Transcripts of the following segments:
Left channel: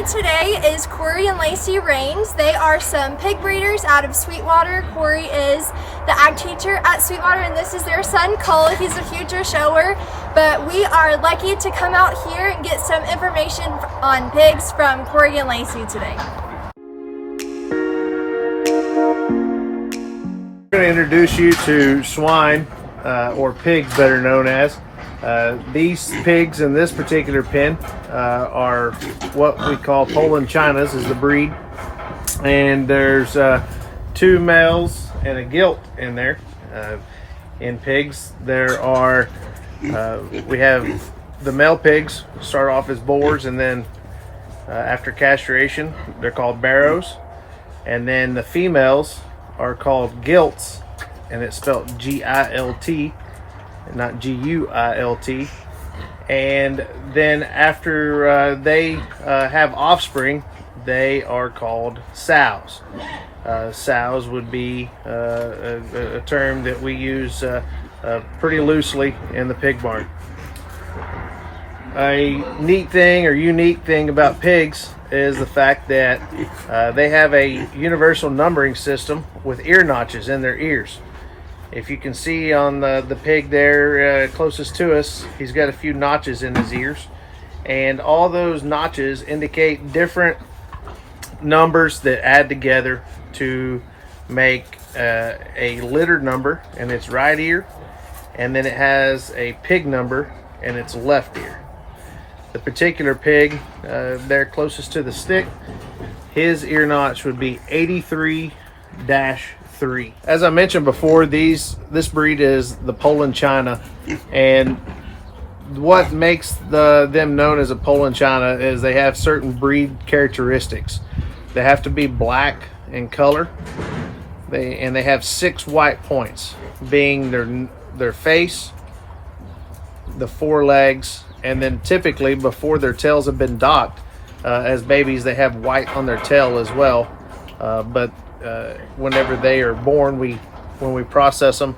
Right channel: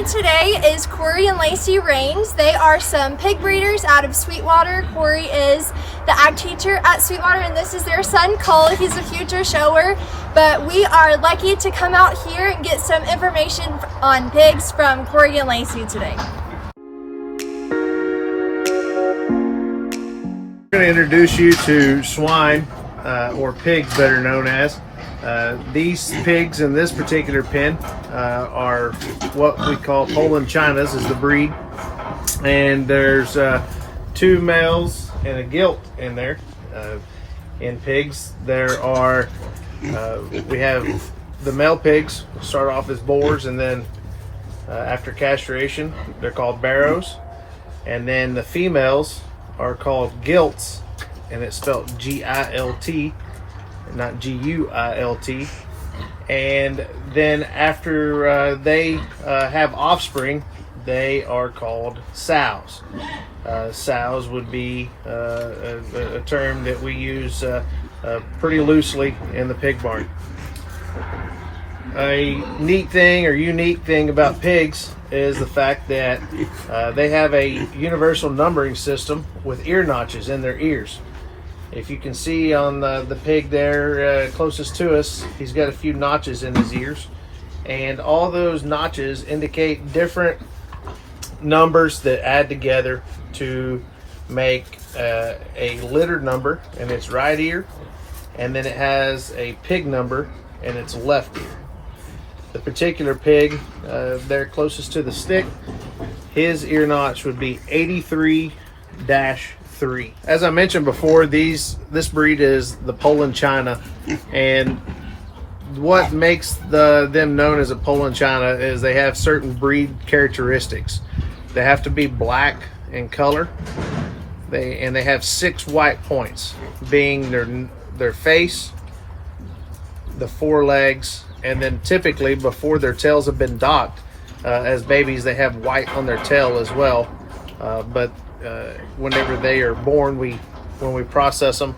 me today is Corey and Lacey Rains. They are some pig breeders out of Sweetwater. Corey is the ag teacher at Sweetwater, and this is their son Cole. He's a future shower, but we are lucky to come out here and get some information on pigs from Corey and Lacey today. I'm going to introduce you to swine, or pigs better known as. These pigs in this particular pen are what we call Poland Chinas is the breed, and there's 2 males and a gilt in there. In pigs there are we have the male pigs start off as boars, and then after castration they're called barrows, and then the females are called gilts, and it's spelled G-I-L-T, not G-U-I-L-T. And then after they have offspring, they are called sows. Sows would be a term that we use pretty loosely in the pig barn. A neat thing or unique thing about pigs is the fact that they have a universal numbering system with ear notches in their ears. If you can see on the pig there closest to us, he's got a few notches in his ears, and all those notches indicate different numbers that add together to make a litter number in its right ear, and then it has a pig number in its left ear. The particular pig there closest to the stick, his ear notch would be 83-3. As I mentioned before, this breed is the Poland China, and what makes them known as a Poland China is they have certain breed characteristics. They have to be black in color, and they have 6 white points, being their face, the forelegs, and then typically before their tails have been docked, as babies they have white on their tail as well, but whenever they are born, when we process them,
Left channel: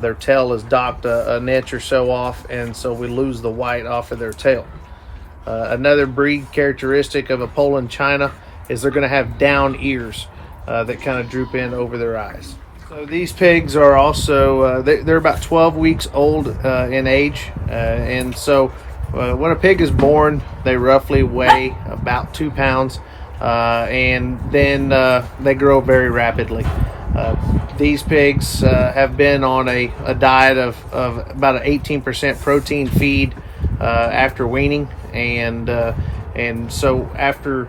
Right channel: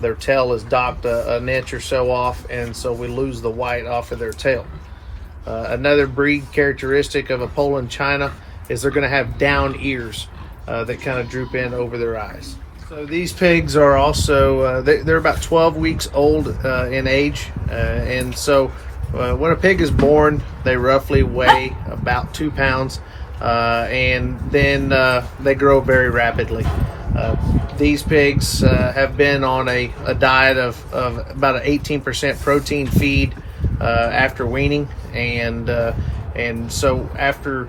their tail is docked an inch or so off, and so we lose the white off of their tail. Another breed characteristic of a Poland China is they're going to have down ears that kind of droop in over their eyes. So these pigs are also they're about 12 weeks old in age, and so when a pig is born, they roughly weigh about 2 pounds. And then they grow very rapidly. These pigs have been on a diet of about an 18% protein feed after weaning, and so after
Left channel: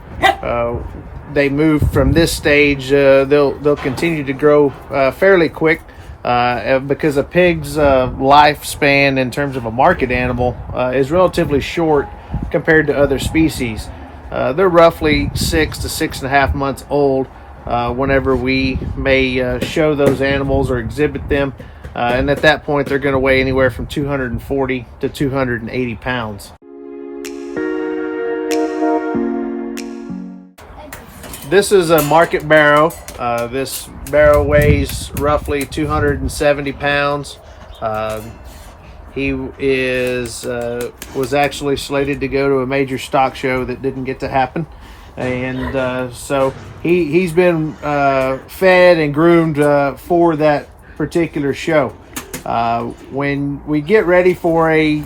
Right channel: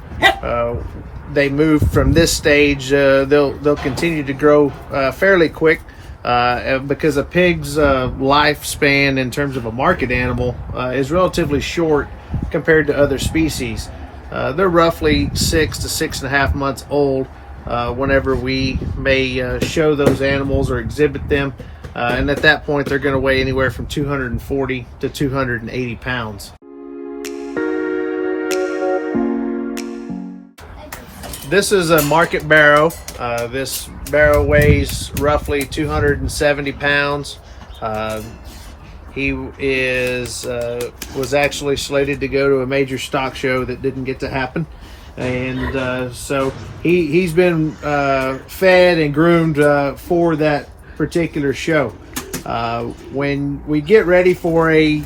they move from this stage, they'll continue to grow fairly quick, because a pig's lifespan in terms of a market animal is relatively short compared to other species. They're roughly 6 to 6.5 months old whenever we may show those animals or exhibit them, and at that point they're going to weigh anywhere from 240 to 280 pounds. This is a market barrow. This barrow weighs roughly 270 pounds. He was actually slated to go to a major stock show that didn't get to happen, and so he's been fed and groomed for that particular show. When we get ready for a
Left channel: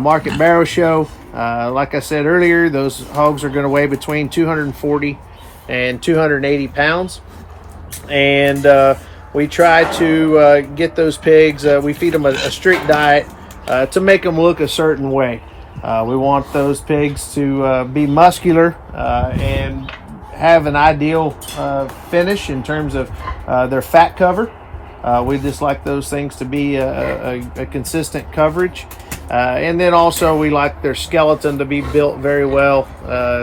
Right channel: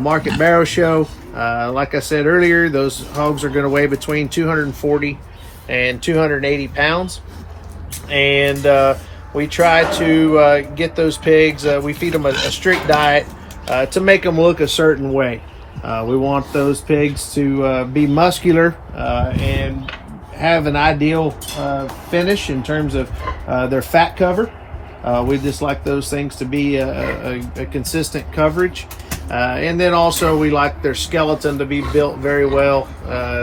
market barrow show, like I said earlier, those hogs are going to weigh between 240 and 280 pounds, and we try to get those pigs, we feed them a strict diet to make them look a certain way. We want those pigs to be muscular and have an ideal finish in terms of their fat cover. We just like those things to be a consistent coverage. And then also we like their skeleton to be built very well,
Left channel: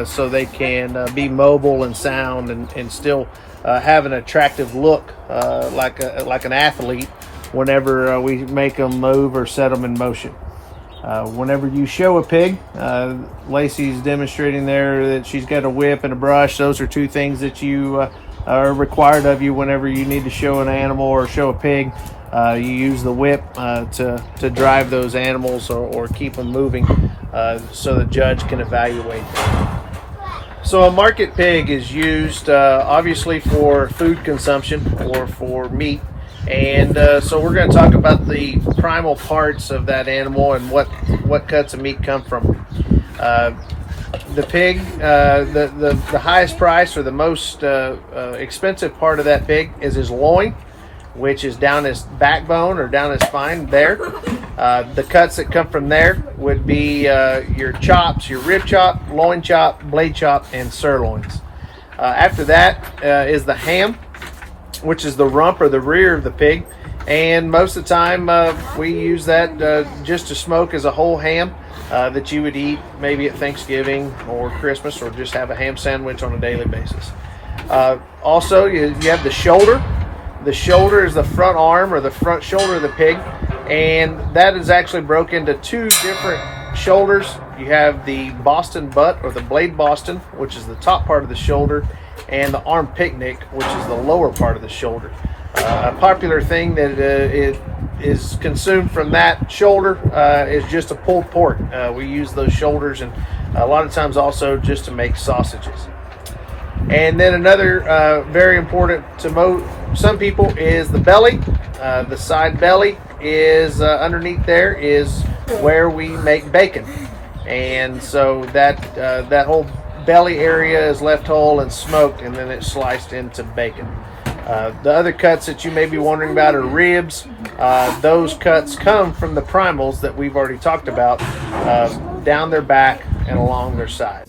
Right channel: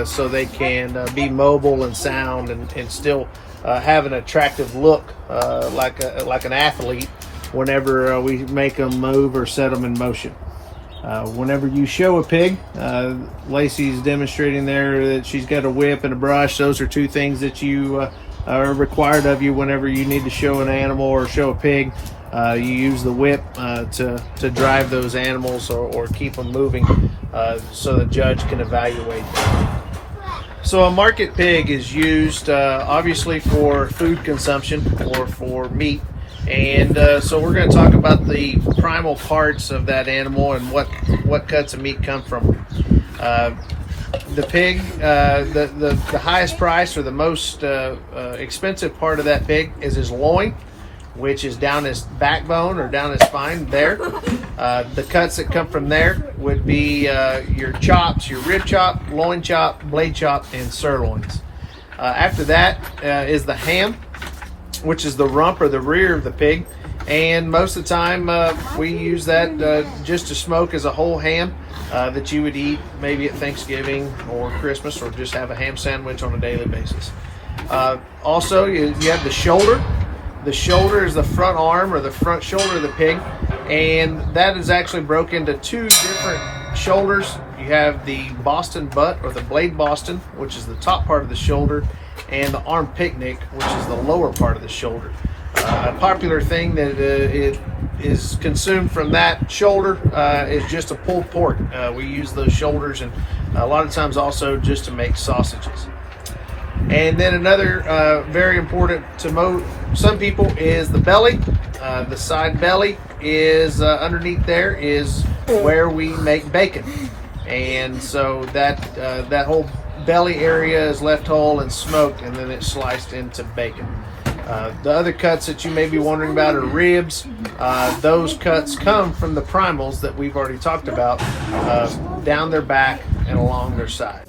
so they can be mobile and sound and still have an attractive look, like an athlete whenever we make them move or set them in motion. Whenever you show a pig, Lacey's demonstrating there that she's got a whip and a brush. Those are 2 things that you are required of you whenever you need to show an animal or show a pig. You use the whip to drive those animals or keep them moving, so the judge can evaluate them. So a market pig is used obviously for food consumption or for meat. And so we're going to talk about the primal parts of that animal and what cuts of meat come from. The pig, the highest price or the most expensive part of that pig is his loin, which is down his backbone or down his spine there. The cuts that come from there would be your chops, your rib chop, loin chop, blade chop, and sirloins. After that is the ham, which is the rump or the rear of the pig. And most of the time we use that just to smoke as a whole ham that you would eat maybe at Thanksgiving or Christmas, or just have a ham sandwich on a daily basis. Also, you have the shoulder. The shoulder is the front arm or the front shoulder of the pig, and that is actually broken into two different shoulders. You have the Boston butt or the blade Boston, which is the top part of the shoulder, and the arm picnic, which is the lower part of the shoulder. A popular thing that is consumed from that shoulder is just a pulled pork. We use those shoulders, and a lot of times also just to make sausages. And then another very important to some people is the belly. The side belly is underneath there is where we make bacon, and so that whole belly area is left whole and smoked, and then it's sliced into bacon. The other cuts that you may be wondering about are ribs. Those cuts come from the primals that we've already talked about, down their back and along their side.